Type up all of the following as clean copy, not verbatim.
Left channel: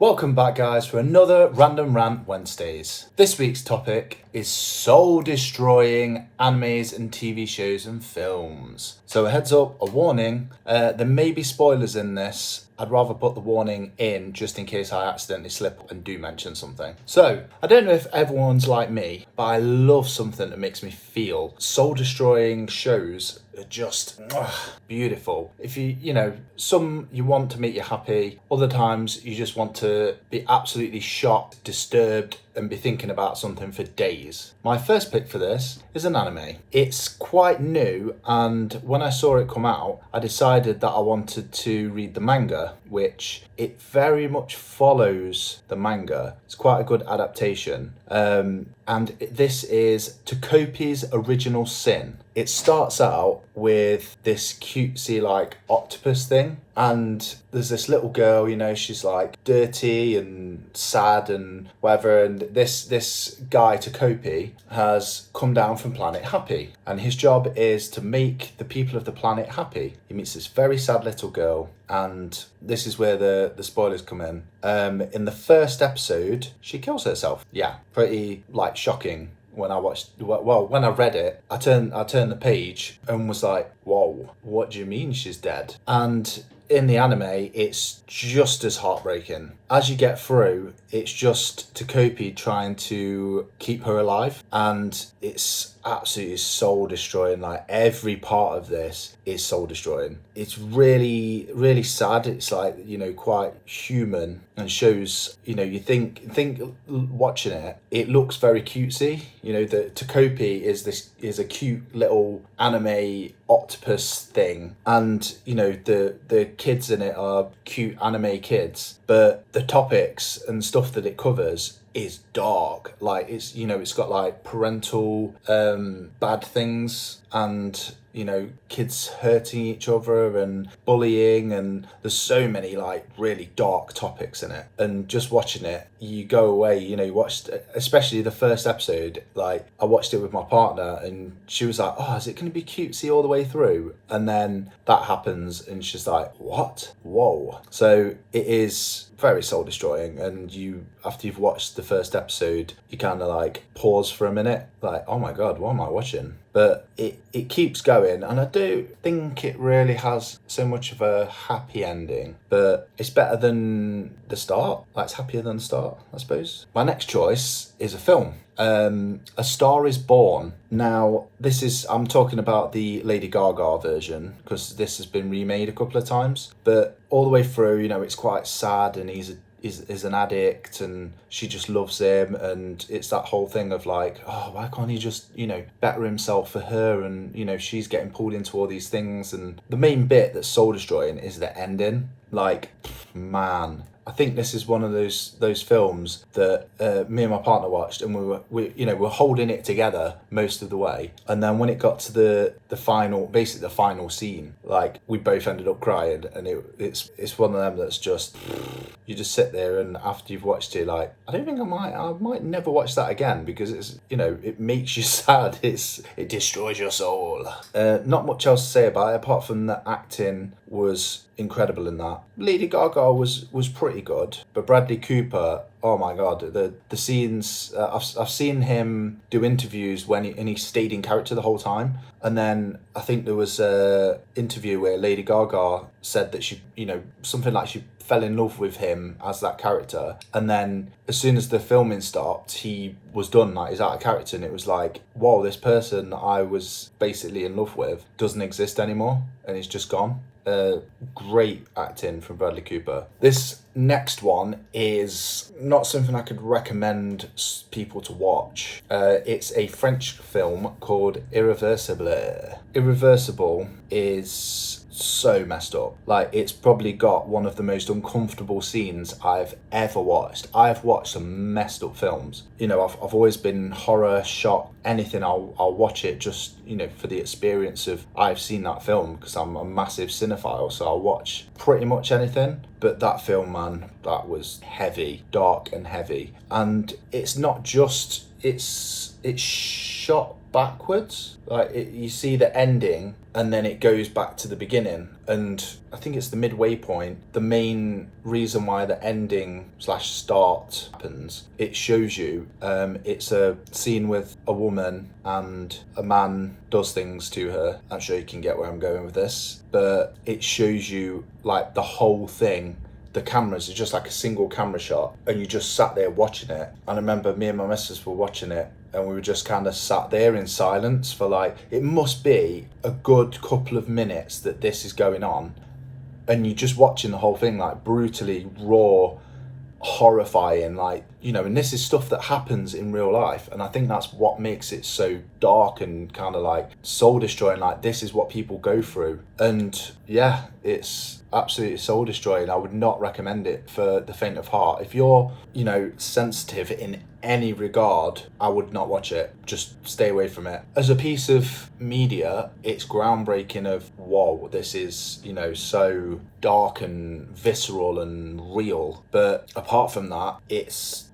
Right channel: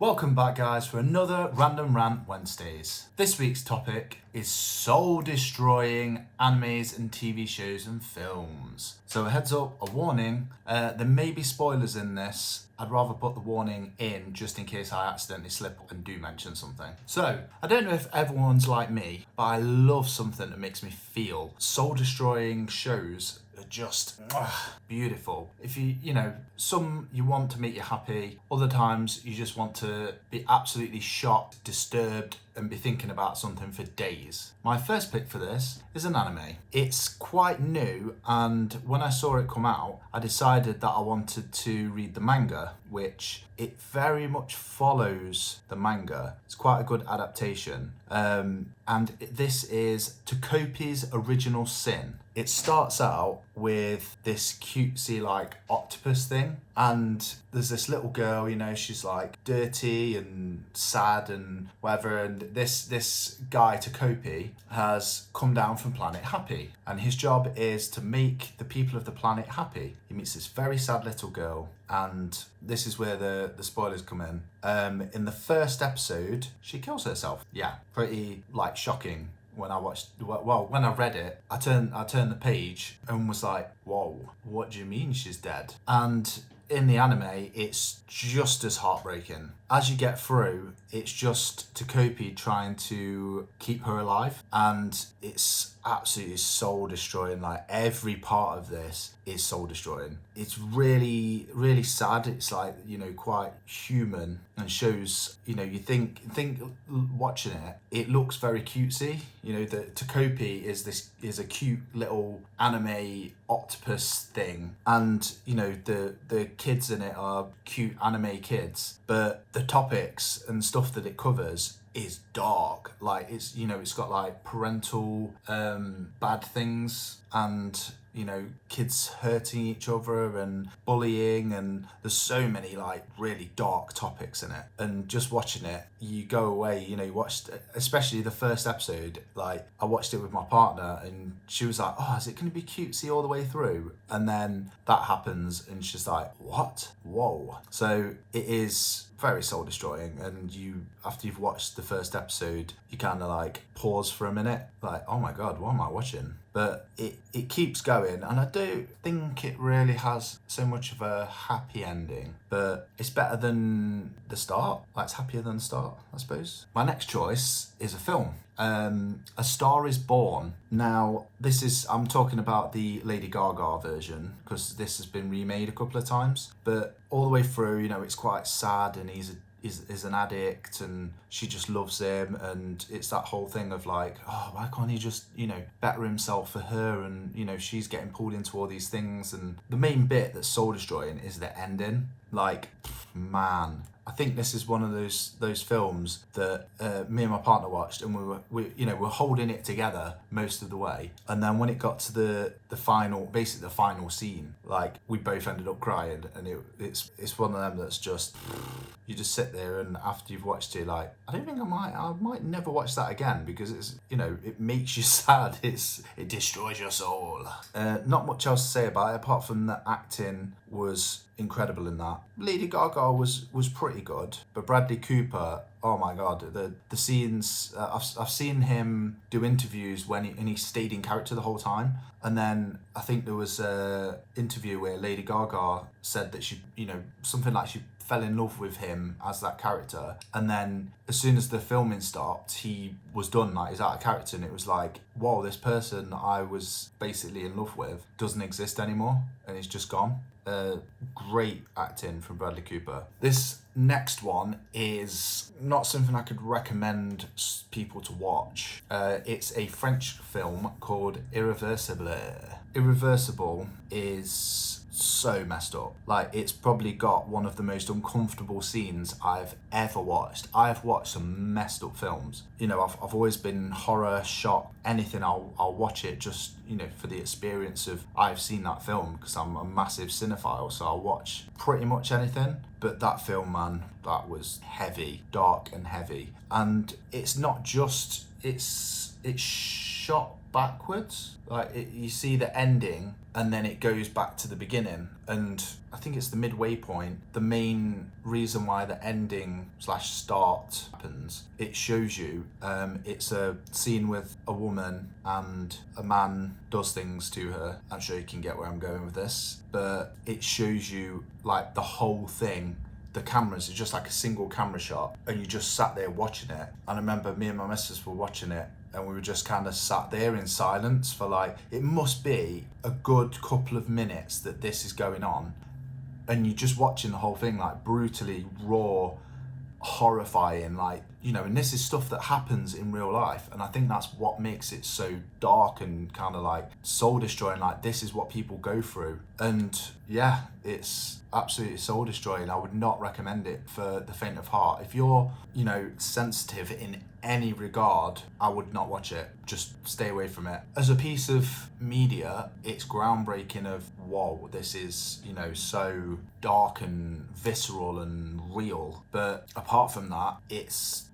Welcome back, guys, for another Random Rant Wednesdays. This week's topic is soul-destroying animes and TV shows and films. So a heads up, a warning, there may be spoilers in this. I'd rather put the warning in just in case I accidentally slip up and do mention something. So, I don't know if everyone's like me, but I love something that makes me feel. Soul-destroying shows are just beautiful. If some you want to make you happy, other times you just want to be absolutely shocked, disturbed, and be thinking about something for days. My first pick for this is an anime. It's quite new, and when I saw it come out, I decided that I wanted to read the manga, which it very much follows the manga. It's quite a good adaptation. And this is Takopi's Original Sin. It starts out with this cutesy like octopus thing, and there's this little girl, she's like dirty and sad and whatever, and this guy Takopi has come down from planet Happy, and his job is to make the people of the planet happy. He meets this very sad little girl, and this is where the spoilers come in. In the first episode, she kills herself. Yeah, pretty like shocking. When I read it, I turned the page and was like, whoa, what do you mean she's dead? And in the anime, it's just as heartbreaking. As you get through, it's just Takopi trying to keep her alive, and it's absolutely soul destroying. Like every part of this is soul destroying. It's really, really sad. It's like, quite human, and shows, you think watching it, it looks very cutesy. The Takopi is a cute little anime octopus thing, and the kids in it are cute anime kids, but the topics and stuff that it covers is dark. Like it's got like parental bad things, and kids hurting each other and bullying, and there's so many like really dark topics in it. And just watching it, you go away, you watched, especially the first episode, like I watched it with my partner, and she was like, oh, is it going to be cutesy all the way through? And then that happens, and she's like, what? Whoa. So it is very soul destroying, and after you've watched the first episode, you kind of like pause for a minute, like, oh my god, what am I watching? But it keeps going, and I do think it really has so much of a happy ending, but it's better than the start. Like, it's happier than the start, I suppose. My next choice is a film. A Star is Born. Now, I'm talking about the Lady Gaga version, because this has been remade a couple of times, but all the way through, it's quite sad, and he's an addict, and she just loves him, and it's that whole thing of like, oh, why can't he just better himself for her? And she's getting pulled into all these things, and the main bit that's soul destroying is the ending. Like, man, I think this is one of those films that me and my partner watched, and we're holding it together most of the way, and then when it got to the final scene, like we both ended up crying, and it's one of them that's just, you just sit there, and after you've watched it, like, I don't think I might never watch that again, because it's it makes you sad. It destroys your soul. Not much else to say about it apart from the acting was incredible in that. Lady Gaga was pretty good, but Bradley Cooper, oh my god, the scenes, I've seen him do interviews and he stayed in character the whole time, and then I think there was a interview where Lady Gaga said that she, something like she fell in love with him as that character, and then as soon as the filming stopped, he was done, like he's out of character, and it was like, whoa, this person I was basically in love with doesn't exist anymore, and he's just gone. Great acting from Bradley Cooper. This next one is not something I could recommend people to watch. It's a French film called Irreversible. Irreversible is so messed up. Like, it's probably got one of the most uncomfortable scenes I've ever watched. I've watched some messed up films. I've always been horror, shock, anything. I'll watch it just, for the experience of I've seen that film, because I'm a massive cinephile, so I'll watch pretty much anything. But that film, man, that was heavy, dark and heavy. And it's not just it's shot backwards. Like you see the ending and then it goes back to the beginning, and I think it's the midway point. The main reason why the ending slash start happens, it shows you it's a scene with a woman and a man does things to her. I'm sure you can get where I'm going with this, but it shows you like the whole thing. The cameras are just like a single camera shot, and you just sat there watching it. And I remember me and my missus were watching it, and we were just kind of sat there in silence for like, it must be a good couple of minutes that this is going on, and you're just watching the whole thing, like brutally raw, horrifying, like, you know, and this is stuff that happens in real life, and I think that's what makes it so dark and kind of like soul destroying. Like, this is what people go through, and yeah, it's absolutely soul destroying. I would not recommend it for the faint of heart. If you're, you know, sensitive in any regard, I would not watch it. Just stay away from it. As a piece of media, it's groundbreaking of, whoa, this is, you know, so dark and visceral and real. But apart from that, it's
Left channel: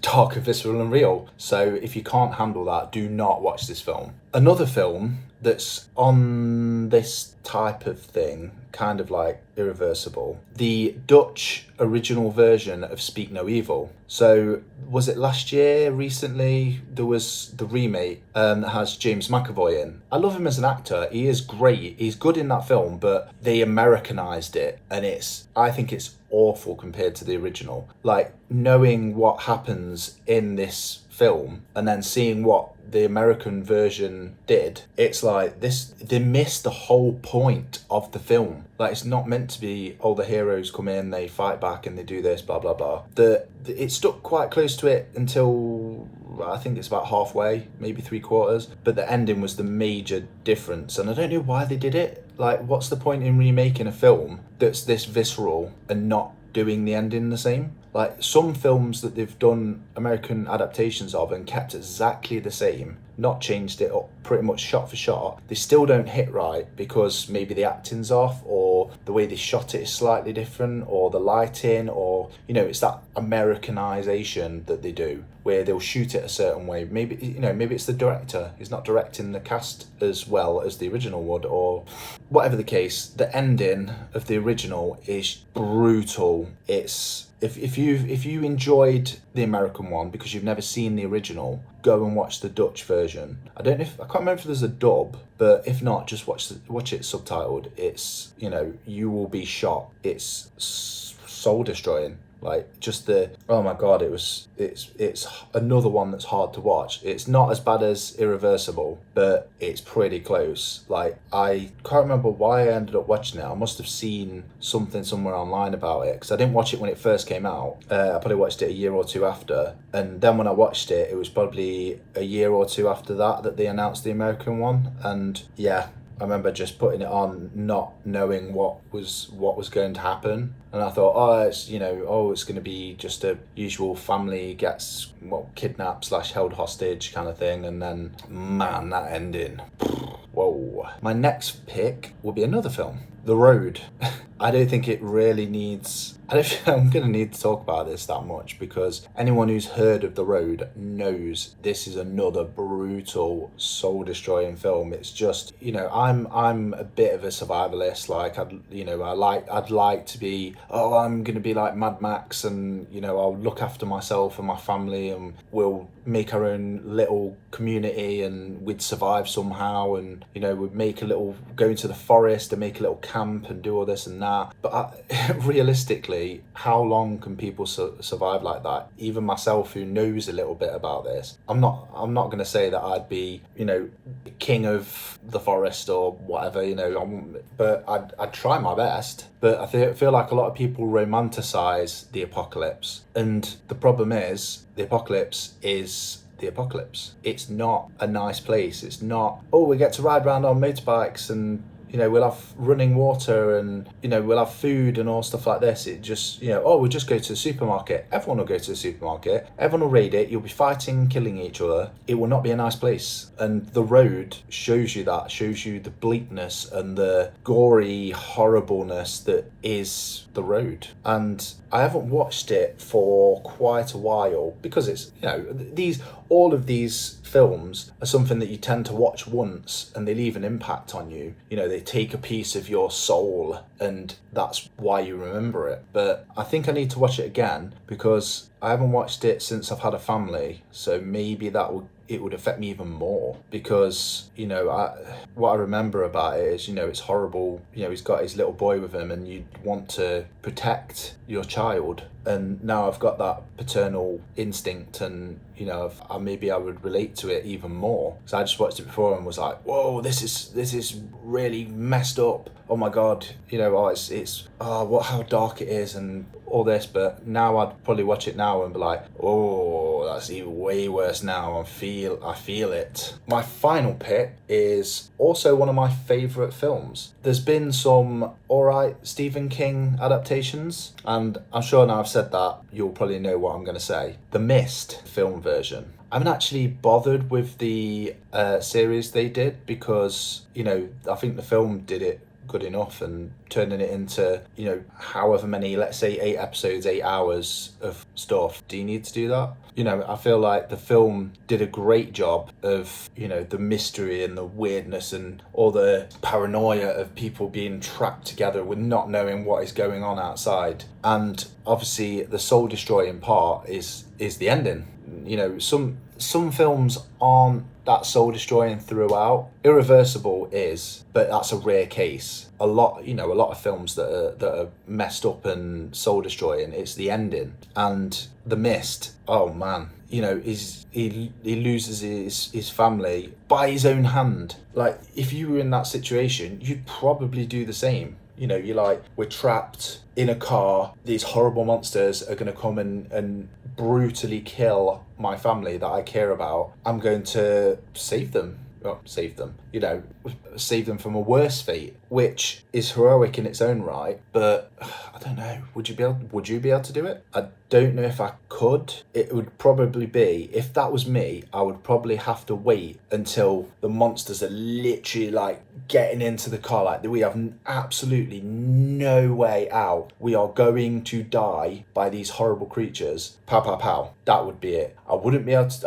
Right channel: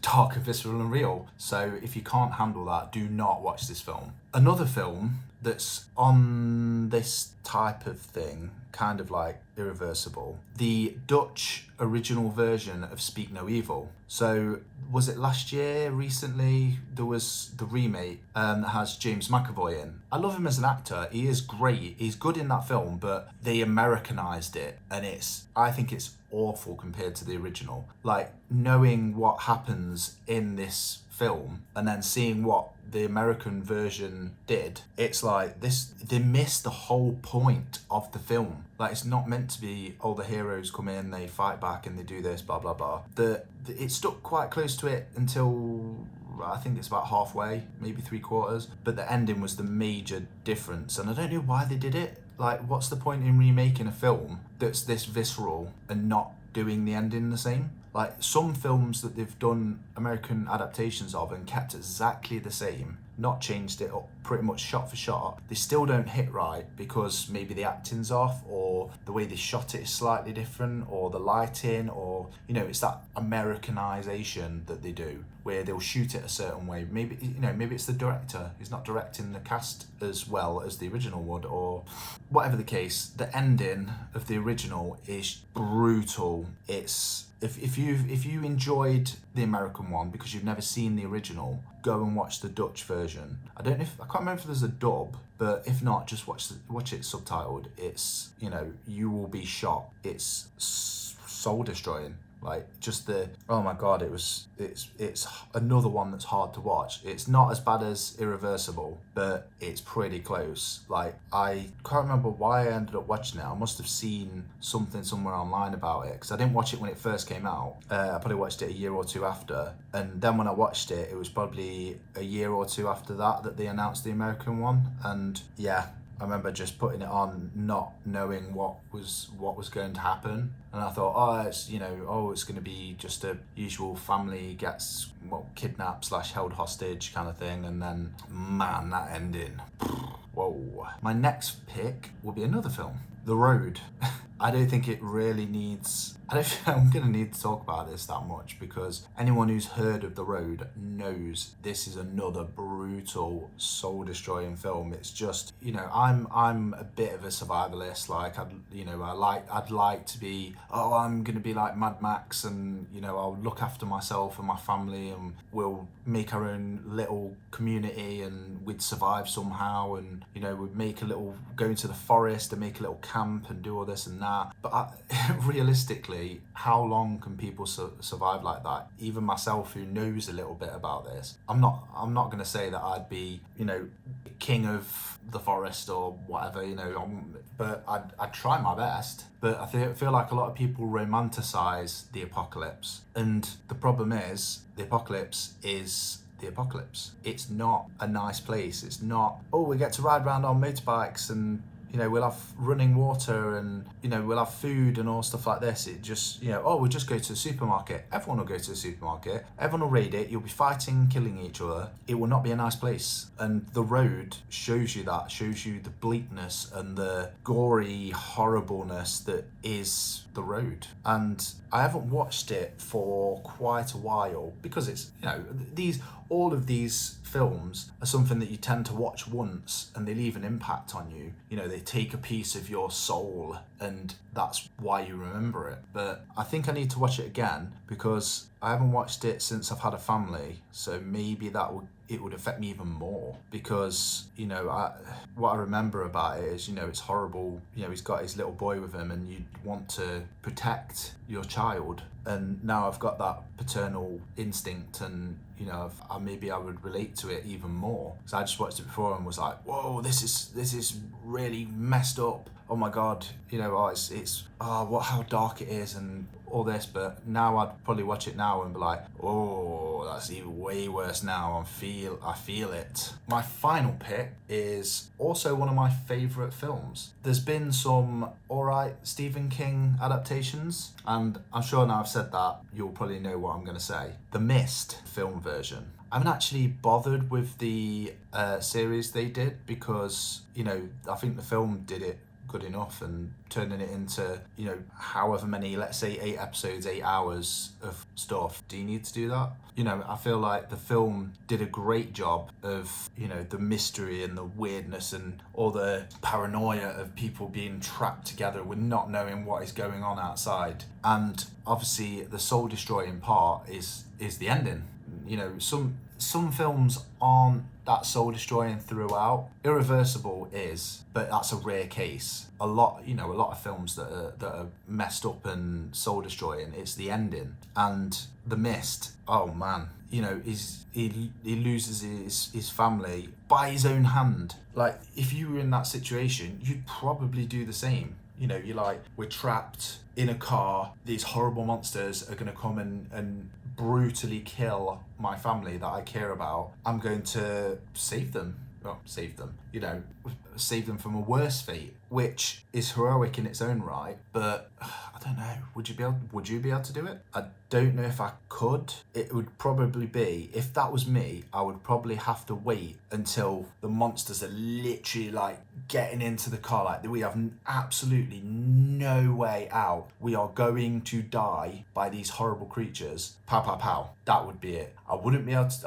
dark and visceral and real. So if you can't handle that, do not watch this film. Another film that's on this type of thing, kind of like irreversible, the Dutch original version of Speak No Evil. So was it last year, recently, there was the remake that has James McAvoy in. I love him as an actor. He is great. He's good in that film, but they Americanized it, and I think it's awful compared to the original. Like, knowing what happens in this film and then seeing what the American version did, it's like they missed the whole point of the film. Like, it's not meant to be, oh, the heroes come in, they fight back and they do this, blah blah blah. It stuck quite close to it until I think it's about halfway, maybe 3/4, but the ending was the major difference, and I don't know why they did it. Like, what's the point in remaking a film that's this visceral and not doing the ending the same? Like, some films that they've done American adaptations of and kept exactly the same, not changed it up pretty much shot for shot, they still don't hit right because maybe the acting's off, or the way they shot it is slightly different, or the lighting, or, you know, it's that Americanization that they do where they'll shoot it a certain way. Maybe, you know, maybe it's the director, he's not directing the cast as well as the original would, or whatever the case. The ending of the original is brutal. It's if you enjoyed the American one because you've never seen the original, go and watch the Dutch version. I can't remember if there's a dub, but if not, just watch it subtitled. It's, you know, you will be shocked. It's soul destroying. Like, just oh my god, it's another one that's hard to watch. It's not as bad as Irreversible, but it's pretty close. Like, I can't remember why I ended up watching it. I must have seen something somewhere online about it, because I didn't watch it when it first came out. I probably watched it a year or two after, and then when I watched it, it was probably a year or two after that they announced the American one. And yeah, I remember just putting it on, not knowing what was going to happen, and I thought, oh, it's, you know, oh, it's going to be just a usual family gets kidnapped / held hostage kind of thing, and then, man, that ending. Whoa. My next pick will be another film, The Road. I don't think it really needs... I don't think I'm going to need to talk about this that much, because anyone who's heard of The Road knows this is another brutal, soul-destroying film. It's just, you know, I'm a bit of a survivalist. Like, I'd like to be, oh, I'm going to be like Mad Max, and, you know, I'll look after myself and my family, and we'll make our own little community, and we'd survive somehow, and, you know, we'd go into the forest and make a little camp and do all this and that. But realistically, how long can people survive like that? Even myself, who knows a little bit about this, I'm not going to say that I'd be, you know, king of the forest or whatever, you know, but I'd try my best. But I feel like a lot of people romanticize the apocalypse, and the problem is the apocalypse is the apocalypse. It's not a nice place. It's not, oh, we get to ride around on motorbikes and we'll have running water, and we'll have food and all stuff like this. It just, oh, we'll just go to the supermarket. Everyone will go to the supermarket, everyone will raid it, you'll be fighting, killing each other. It will not be a nice place. And the road shows you that, shows you the bleakness and the gory horribleness that is the road. And I haven't watched it for quite a while, because it's, all of these films are something that you tend to watch once and they leave an impact on you. They take a piece of your soul, and that's why you remember it. But I think I need to watch it again, because I haven't watched it since I've had a family, so maybe it would affect me even more, because what I remember about it is, it's horrible. He's got his little boy with him, and you want to protect your child, and now I've got that paternal instinct, and maybe I would relate to it even more. So I just watched it before and was like, whoa, this is really messed up. Oh my god, how dark it is and all this. But now I'd probably watch it now and be like, oh, that's even way worse now. I feel it. My final pick is also one of my favourite films. There's been some alright Stephen King adaptations, and I'm sure now I've said that, you'll probably know what I'm going to say. The Mist film version. I haven't actually bothered with the series they did, because, I think the film did it good enough, and turning it into, however many, let's say 8 episodes, 8 hours of stuff. Do you need to do that? I feel like the film did a great job of, the mystery and the weirdness and all the paranoia of people being trapped together with not knowing what is going on outside. And obviously the soul destroying part is the ending. Some films aren't that soul destroying throughout. Irreversible is, but that's a rare case. A lot of films that are messed up and soul destroying, it's the ending. And The Mist, oh man, he loses his family by his own hand. Like, if you were in that situation, you'd probably do the same. You're like, we're trapped in a car, these horrible monsters are going to come and brutally kill my family that I care about. I'm going to save them. Save them from a worse fate, which is heroic in its own right. But I don't know, would you be able to do it? I don't know if I could. It would probably be, if that was me, I would probably have to wait until the monsters are literally like getting into the car, like we have absolutely no way out, we are going to die by these horrible creatures, pow pow pow. That would be it. I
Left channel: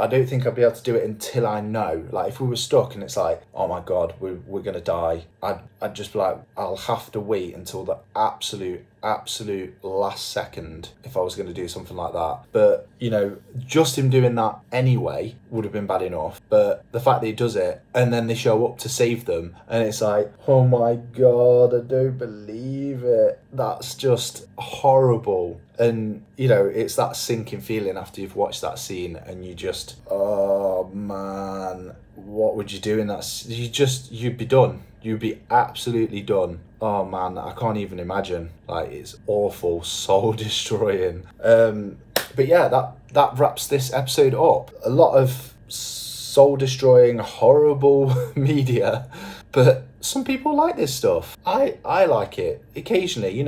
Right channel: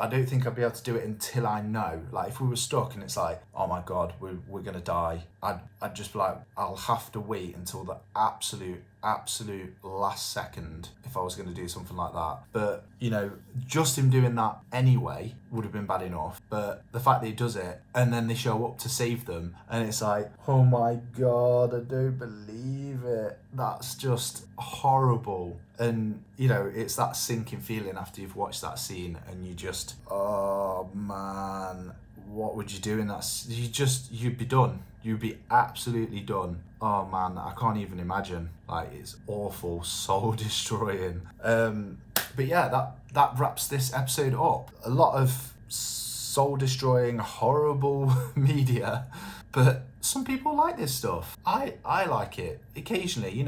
don't think I'd be able to do it until I know. Like, if we were stuck and it's like, oh my god, we're gonna die, I'd just be like, I'll have to wait until the absolute last second if I was going to do something like that. But just him doing that anyway would have been bad enough, but the fact that he does it and then they show up to save them, and it's like, oh my god, I don't believe it. That's just horrible. And it's that sinking feeling after you've watched that scene, and you just, oh man, what would you do in that? You'd be done. You'd be absolutely done. Oh man, I can't even imagine. Like, it's awful, soul destroying. But yeah, that wraps this episode up. A lot of soul destroying, horrible media, but some people like this stuff. I like it. Occasionally,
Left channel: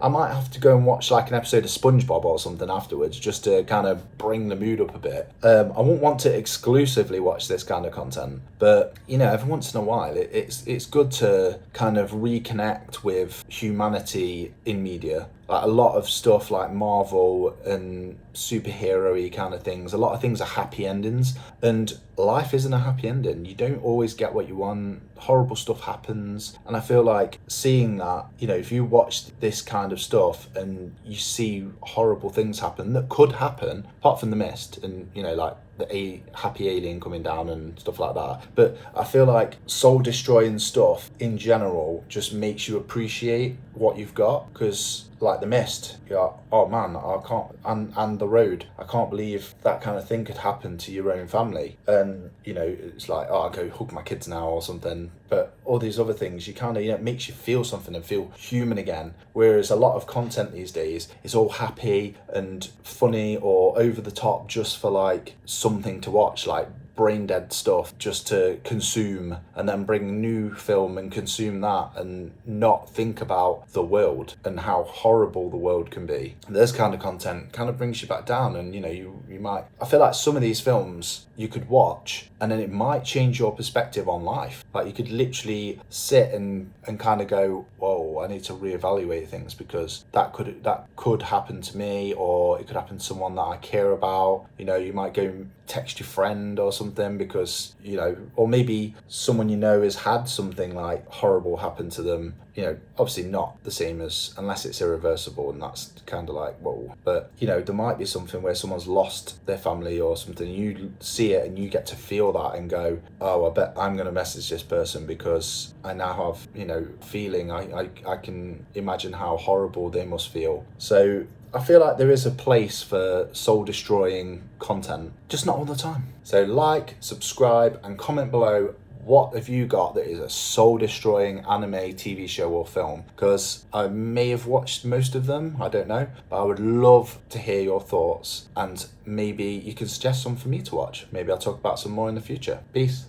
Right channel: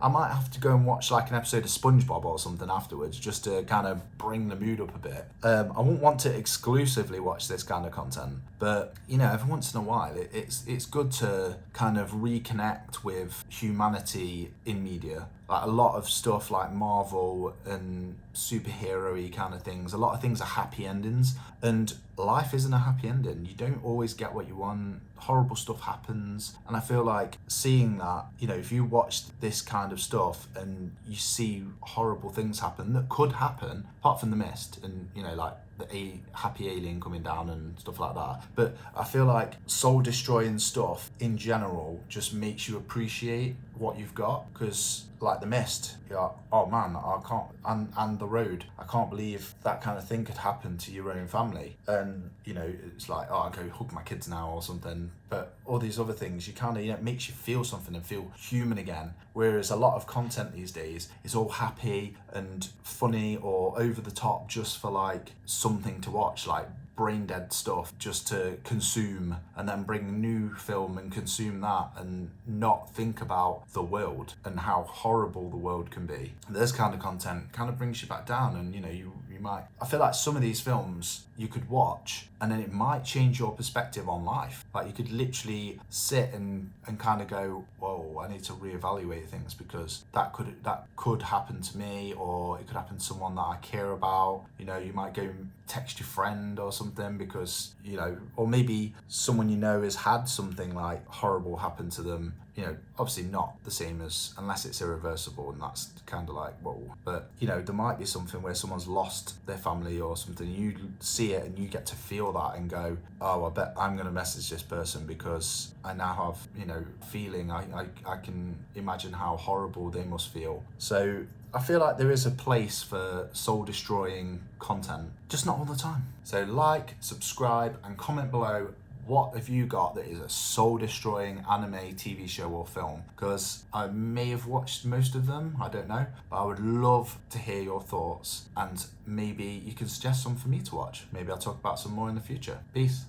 I might have to go and watch like an episode of SpongeBob or something afterwards, just to kind of bring the mood up a bit. I won't want to exclusively watch this kind of content, but every once in a while it's good to kind of reconnect with humanity in media. Like, a lot of stuff like Marvel and superhero-y kind of things, a lot of things are happy endings, and life isn't a happy ending. You don't always get what you want. Horrible stuff happens, and I feel like seeing that, if you watch this kind of stuff and you see horrible things happen that could happen, apart from The Mist and like the happy alien coming down and stuff like that, but I feel like soul destroying stuff in general just makes you appreciate what you've got. Because like The Mist, you're like, oh man, I can't, and The Road, I can't believe that kind of thing could happen to your own family. And it's like, oh, I'll go hug my kids now or something. But all these other things, you kind of, it makes you feel something and feel human again. Whereas a lot of content these days is all happy and funny or over the top just for like something to watch, like brain dead stuff just to consume, and then bring new film and consume that and not think about the world and how horrible the world can be. This kind of content kind of brings you back down, and you might, I feel like some of these films you could watch and then it might change your perspective on life. Like you could literally sit and kind of go, whoa, I need to reevaluate things because that could happen to me, or it could happen to someone that I care about. You might go text your friend or something because, or maybe someone has had something like horrible happen to them. Obviously not the same as, unless it's irreversible, and that's kind of like, whoa. But, there might be something where someone's lost their family or something. You see it and you get to feel that and go, oh, I bet I'm going to message this person because I now have, feeling. I can imagine how horrible they must feel. So I feel like there is a place for soul-destroying content, just not all the time. So like, subscribe, and comment below, what have you got that is a soul-destroying anime, TV show or film? Because I may have watched most of them, I don't know, but I would love to hear your thoughts, and maybe you can suggest some for me to watch. Maybe I'll talk about some more in the future. Peace.